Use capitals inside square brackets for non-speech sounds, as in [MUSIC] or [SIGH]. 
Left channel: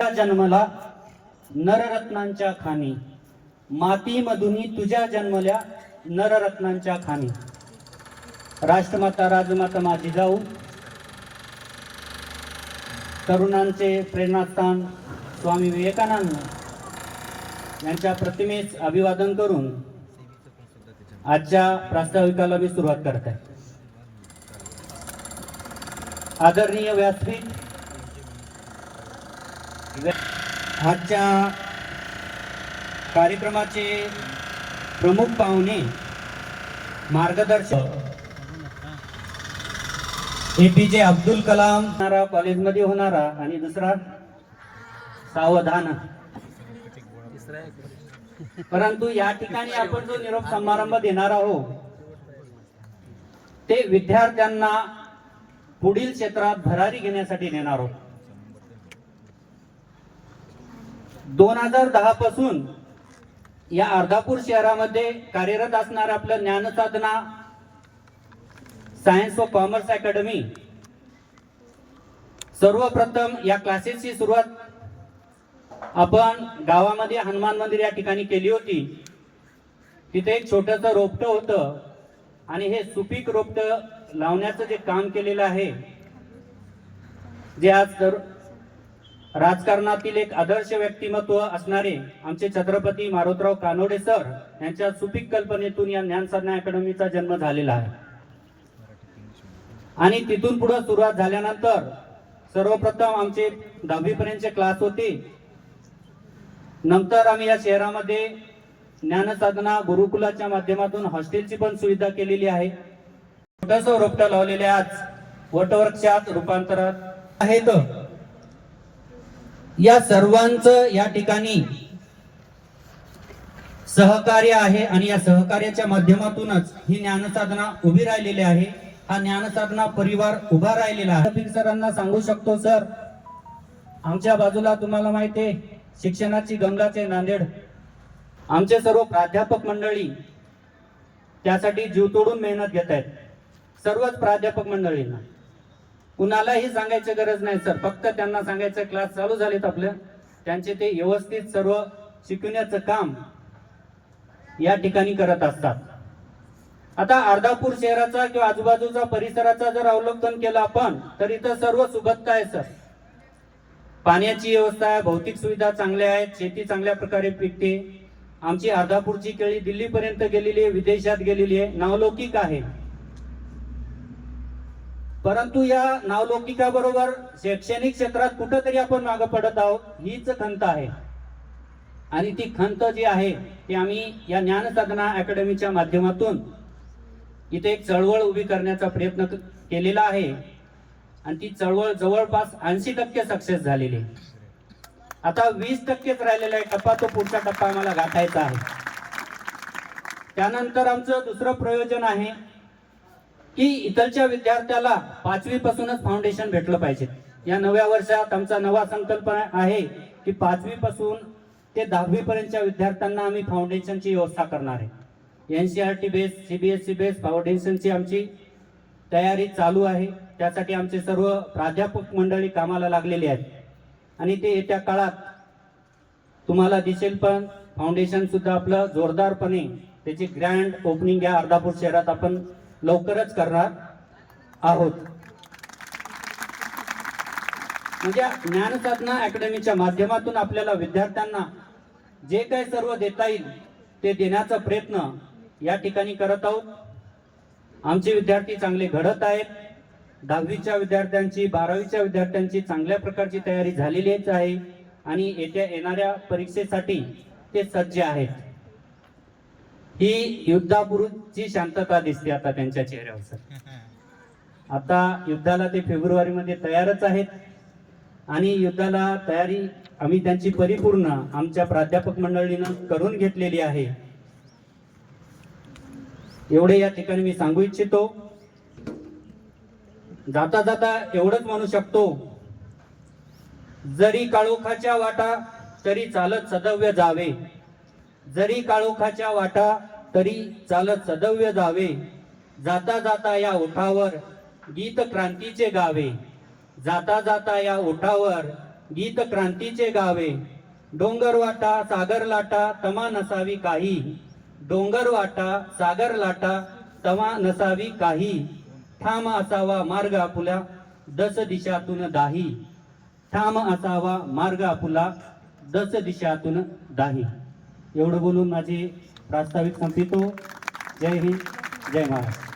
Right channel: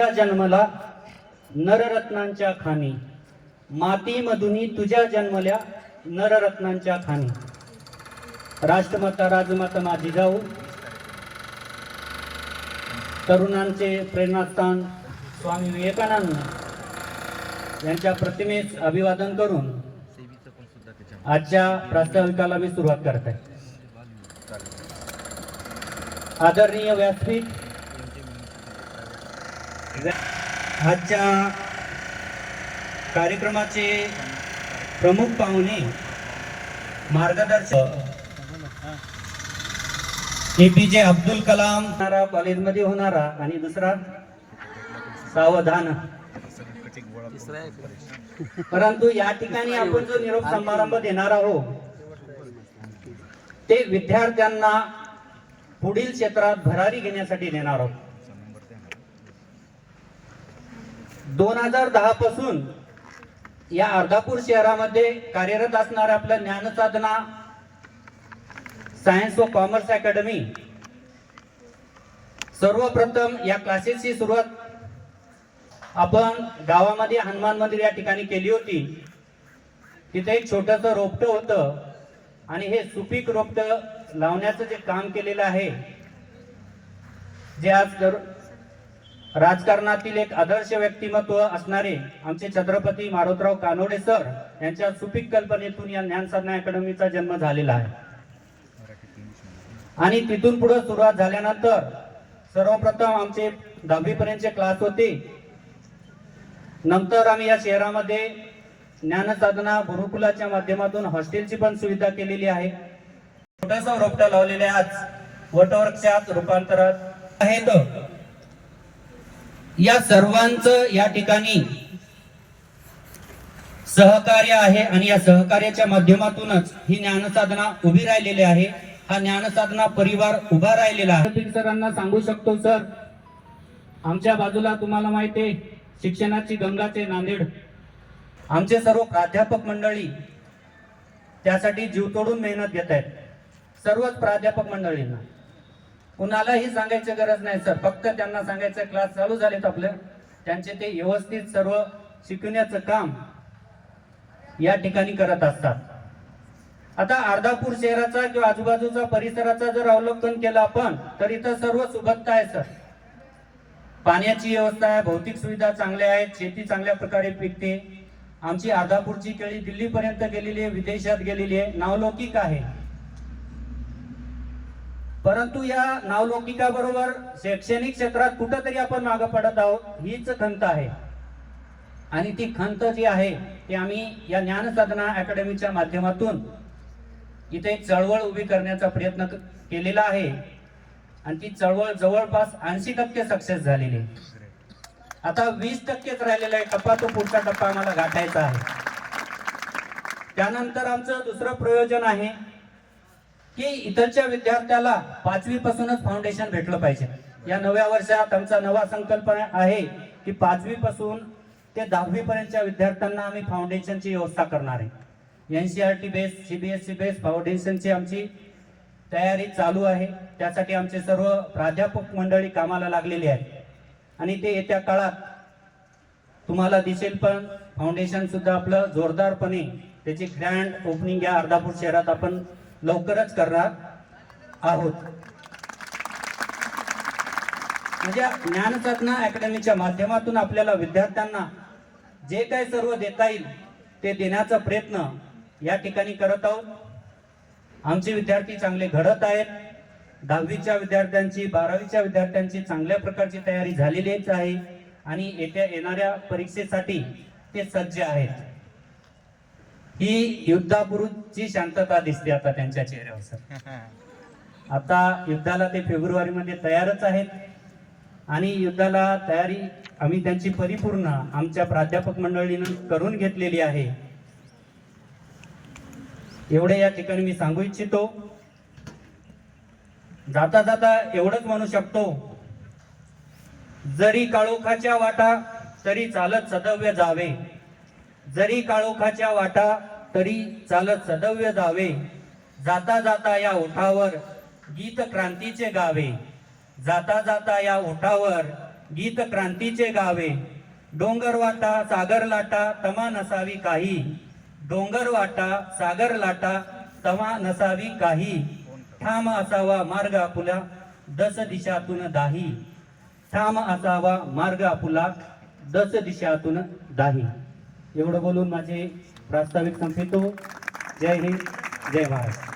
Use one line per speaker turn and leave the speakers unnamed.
जन्मला नररत्नांच्या खाणी. माती मधुनी तुझ्या जन्मल्या नररत्नांच्या खाणी. राष्ट्रमाता राजमाता माझी जाऊ. तरुणांचे प्रेरणास्थान स्वामी विवेकानंद यांच्या प्रतिमेस अभिवादन करून आजच्या प्रास्ताविकाला मी सुरुवात करत आहे. आदरणीय व्यासपीठ आजच्या कार्यक्रमाचे प्रमुख पाहुणे मार्गदर्शक ए पी जे अब्दुल कलाम कॉलेजमध्ये होणारा आणि दुसरा सावधान. परंतु या ठिकाणी आपण जो निरोप समारंभ देणार आहोत ते विद्यार्थ्यांना पुढील क्षेत्रात भरारी घेण्यासाठी देणार आहोत. दोन हजार दहा पासून या अर्धापूर शहरामध्ये कार्यरत असणार आपलं ज्ञानसाधना सायन्स व कॉमर्स अकॅडमी सर्वप्रथम या क्लासेसची सुरुवात आपण गावामध्ये हनुमान मंदिर या ठिकाणी केली होती. तिथे एक छोटस रोपट होतं आणि हे सुपीक रोपट लावण्याचं जे काम केलेलं आहे जे आज तर राजकारणातील एक आदर्श व्यक्तिमत्व असणारे आमचे छत्रपती मारुतराव कानोडे सर यांच्या सुपीक कल्पनेतून या ज्ञानसाधना अकॅडमीचा जन्म झालेला आहे. आणि तिथून पुढे सुरुवात झाल्यानंतर सर्वप्रथम आमचे दहावीपर्यंतचे क्लास होते. नंतर आम्ही या शहरामध्ये ज्ञानसाधना गुरुकुलाच्या माध्यमातून हॉस्टेलची पण सुविधा केलेली आहे. छोटस रोपट्या लावलेल्या आज वटवृक्षात रूपांतरात आहेत. या सर्वांचं या ठिकाणी सहकार्य आहे आणि या सहकार्याच्या माध्यमातूनच ही ज्ञानसाधना उभी राहिलेली आहे. हा ज्ञानसाधना परिवार उभा राहिलेला आहे. सरांना सांगू शकतो सर. आमच्या बाजूला तुम्हाला माहिती आहे शिक्षणाची गंगाचे नांदेड. आमचे सर्व प्राध्यापक मंडळी त्यासाठी जीव तोडून मेहनत घेत आहेत सर्वच प्राध्यापक मंडळींना. कुणालाही सांगायची गरज नाही सर. फक्त त्यांना सांगायचं क्लास चालू झालेत आपलं. त्यांचे ते व्यवस्थित सर्व शिकवण्याचं काम या ठिकाणी करत असतात. आता अर्धापूर शहराचा किंवा आजूबाजूचा परिसराचा जर अवलोकन केलं आपण तर इथं सर्व सुबत्ता आहे सर. पाण्याची व्यवस्था आहे भौतिक सुविधा चांगल्या आहेत शेती चांगल्या प्रकारे पिकते. आमची अर्धापूरची केळी दिल्लीपर्यंत गेलेली आहे विदेशात गेलेली आहे नावलौकिक आहे. परंतु या नावलौकिकाबरोबर शैक्षणिक क्षेत्रात कुठंतरी आपण मागे पडत आहोत हीच खंत आहे. आणि ती खंत जी आहे ती आम्ही या ज्ञानसाधना अकॅडमीच्या माध्यमातून इथे एक चळवळ उभी करण्याचा प्रयत्न केलेला आहे. आणि ती चळवळ जवळपास ऐंशी टक्के सक्सेस झालेली आहे. आता वीस टक्केच राहिलेला आहे टप्पा तो पुढचा टप्पा आम्हाला गाठायचा आहे. त्यानंतर आमचं दुसरं प्रयोजन आहे की इथलच्या विद्यार्थ्याला पाचवी पासूनच फाउंडेशन भेटलं पाहिजे. या नव्या वर्षात आमचा नवा संकल्प आहे की पाचवी पासून ते दहावी पर्यंतच्या विद्यार्थ्यांना आम्ही फाउंडेशनची व्यवस्था करणार आहे. एनसीआरटी बेस सीबीएसई बेस फाउंडेशनची आमची तयारी चालू आहे. त्यासाठी आमचे सर्व प्राध्यापक मंडळी कामाला लागलेली आहे आणि ते येत्या काळात तुम्हाला दिसेल पण फाउंडेशन सुद्धा आपलं जोरदारपणे त्याची ग्रँड ओपनिंग या अर्धापूर शहरात आपण लवकरच करणार आहोत. म्हणजे ज्ञानसाधना अकॅडमीच्या माध्यमातून आपल्याला विद्यार्थ्यांना जे काही सर्व देता येईल ते देण्याचा प्रयत्न या ठिकाणी करत आहोत. आमचे विद्यार्थी चांगले घडत आहेत. दहावीच्या विद्यार्थ्यांची बारावीच्या विद्यार्थ्यांची चांगल्या प्रकारची तयारी झालेलीच आहे आणि येत्या येणाऱ्या परीक्षेसाठी ते सज्ज आहेत. ही युद्धापूर्वीची शांतता दिसते आता त्यांच्या चेहऱ्यावर सर. [LAUGHS] आता युद्धाला ते फेब्रुवारी मध्ये तयारच आहेत आणि युद्धाला तयारी आम्ही त्यांची परिपूर्ण आमच्या प्राध्यापक मंडळीनं करून घेतलेली आहे. एवढे या ठिकाणी मी सांगू इच्छितो. जाता जाता एवढंच म्हणू शकतो. जरी काळोखाच्या वाटा तरी चालत सदव्य जावे. जरी काळोखाच्या वाटा तरी चालत सदव्य जावे. जाता जाता या ओठावर गीत क्रांतीचे गावे. जाता जाता या ओठावर गीत क्रांतीचे गावे. डोंगर वाटा सागर लाटा तमा नसावी काही. डोंगर वाटा सागर लाटा तमा नसावी काही. ठाम असावा मार्ग आपुला दस दिशातून दाही. ठाम असावा मार्ग आपुला दस दिशातून दाही. एवढं बोलून माझे प्रास्ताविक संपितो जय हिंद जय महाराष्ट्र.